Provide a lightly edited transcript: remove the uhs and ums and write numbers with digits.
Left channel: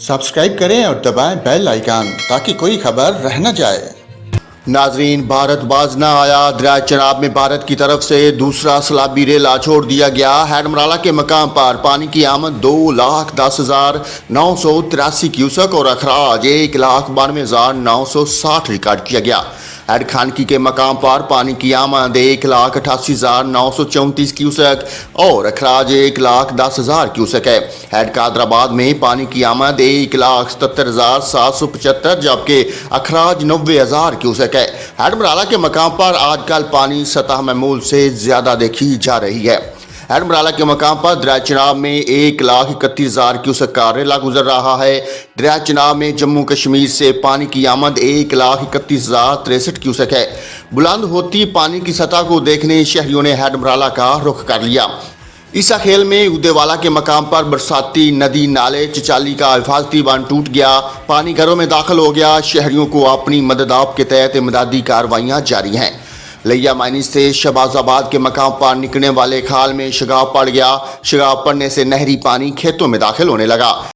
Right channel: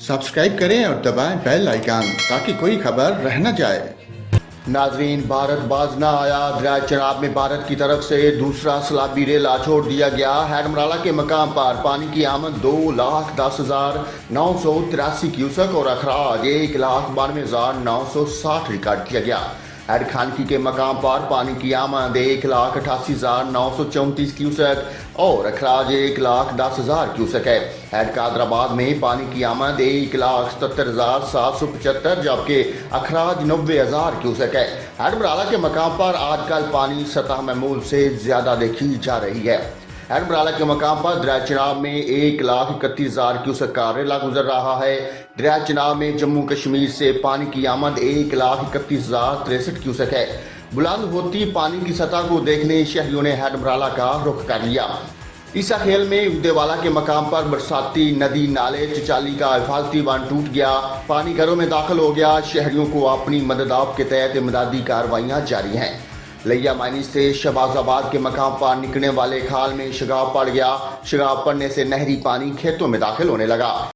Subscribe करें और दबाएं बेल आइकन ताकि कोई खबर रह न जाए। नाजरीन, भारत बाज न आया। दरिया चनाब में भारत की तरफ से दूसरा सैलाबी रेला छोड़ दिया गया। हैडमराला के मकाम पर पानी की आमद 2,10,983 क्यूसेक और अखराज 1,92,960 रिकॉर्ड किया गया। हेड खानकी के मकाम पर पानी की आमद 1,88,934 क्यूसेक और अखराज 1,10,000 क्यूसेक है। हेड कादराबाद में पानी की आमद 1,77,775 जबकि अखराज 90,000 क्यूसेक है। हैडमराला के मकाम पर आजकल पानी सतह मामूल से ज़्यादा देखी जा रही है। हैडमराला के मकाम पर दरिया चनाब में 1,31,000 क्यूसेक का रेला गुजर रहा है। दरिया चनाब में जम्मू कश्मीर से पानी की आमद 1,31,063 क्यूसेक है। बुलंद होती पानी की सतह को देखने शहरियों ने हैडमराला का रुख कर लिया। ईसा खेल में उदेवाला के मकाम पर बरसाती नदी नाले चिचाली का हिफाजती बांध टूट गया। पानी घरों में दाखिल हो गया। शहरियों को अपनी मदद आप के तहत इमदादी कार्रवाइयाँ जारी हैं। लिया मायनी से शहबाजाबाद के मकाम पर निकलने वाले खाल में शगाब पड़ गया। शगाब पड़ने से नहरी पानी खेतों में दाखिल होने लगा।